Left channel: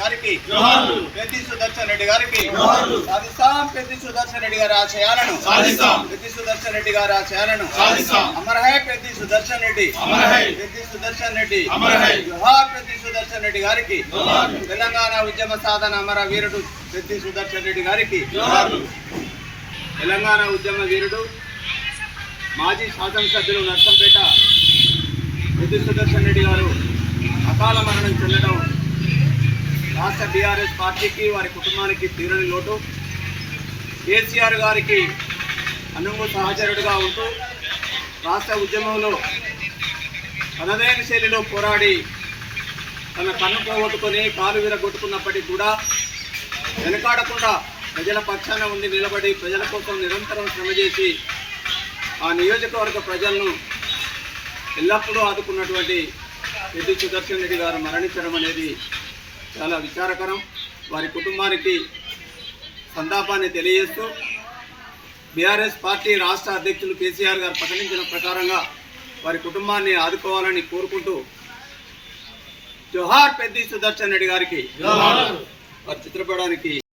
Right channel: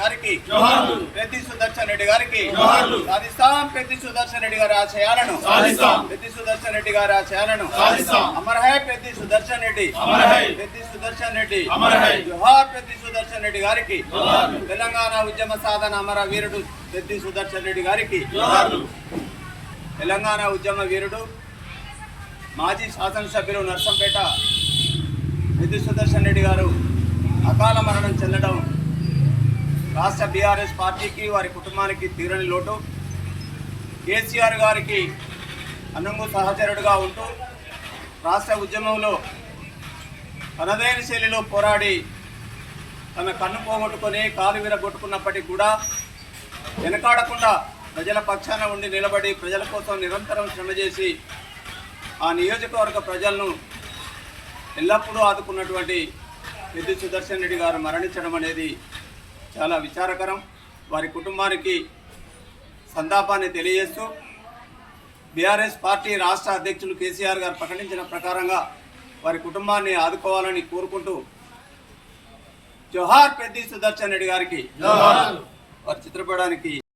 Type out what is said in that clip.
గారికి పెద్ది సుదర్శన్ రెడ్డి గారికి సాధిస్తాం. పెద్ది సుదర్శన్ రెడ్డి గారి ఆశయాలను పెద్ది సుదర్శన్ రెడ్డి గారి ఆశయాలను అమర్ హై పెద్ది సుదర్శన్ రెడ్డి, పెద్ది సుదర్శన్ రెడ్డి, జోహార్ పెద్ది సుదర్శన్ రెడ్డి గారికి. తెలంగాణ ఉద్యమ సాధన అమర వీరుడు పెద్ది సుదర్శన్ రెడ్డి గారికి. తెలంగాణ ఉద్యమ వీరుడు మాజీ శాసనసభ్యులు నర్సంపేట పెద్ది సుదర్శన్ రెడ్డి గారు అకాల మరణం చెందడం రాష్ట్ర బీఆర్ఎస్ పార్టీకి వారి కుటుంబానికి తీరని లోటు. కేసీఆర్ గారికి అనుంగు సహచరుడుగా ఉంటూ రాష్ట్ర ఉద్యమంలో తనదైన శైలిలో పోరాడి తన కన్ను పోగొట్టుకొని కాలు విరగొట్టుకున్నప్పటికీ కూడా వెనకాడకుండా ప్రజల పక్షాన ఉండి నిలబడి ప్రజల కోసం నిరంతరం శ్రమ చేసి ఆ నియోజకవర్గ ప్రజలను ఎల్లప్పుడూ ఆదుకున్నటువంటి పెద్ది సుదర్శన్ రెడ్డి గారు మరణించడం అనేది చాలా విచారకరం. వారి కుటుంబానికి సంతాపాన్ని తెలియజేస్తూ బీఆర్ఎస్ పార్టీ రాష్ట్ర అధ్యక్షులు కేసీఆర్ గారు ప్రకటించిన ప్రకారంగా వారి కుటుంబాన్ని ఆదుకోవాలని కోరుకుంటూ జోహార్ పెద్ది సుదర్శన్ రెడ్డి గారికి వారి చిత్రపటానికి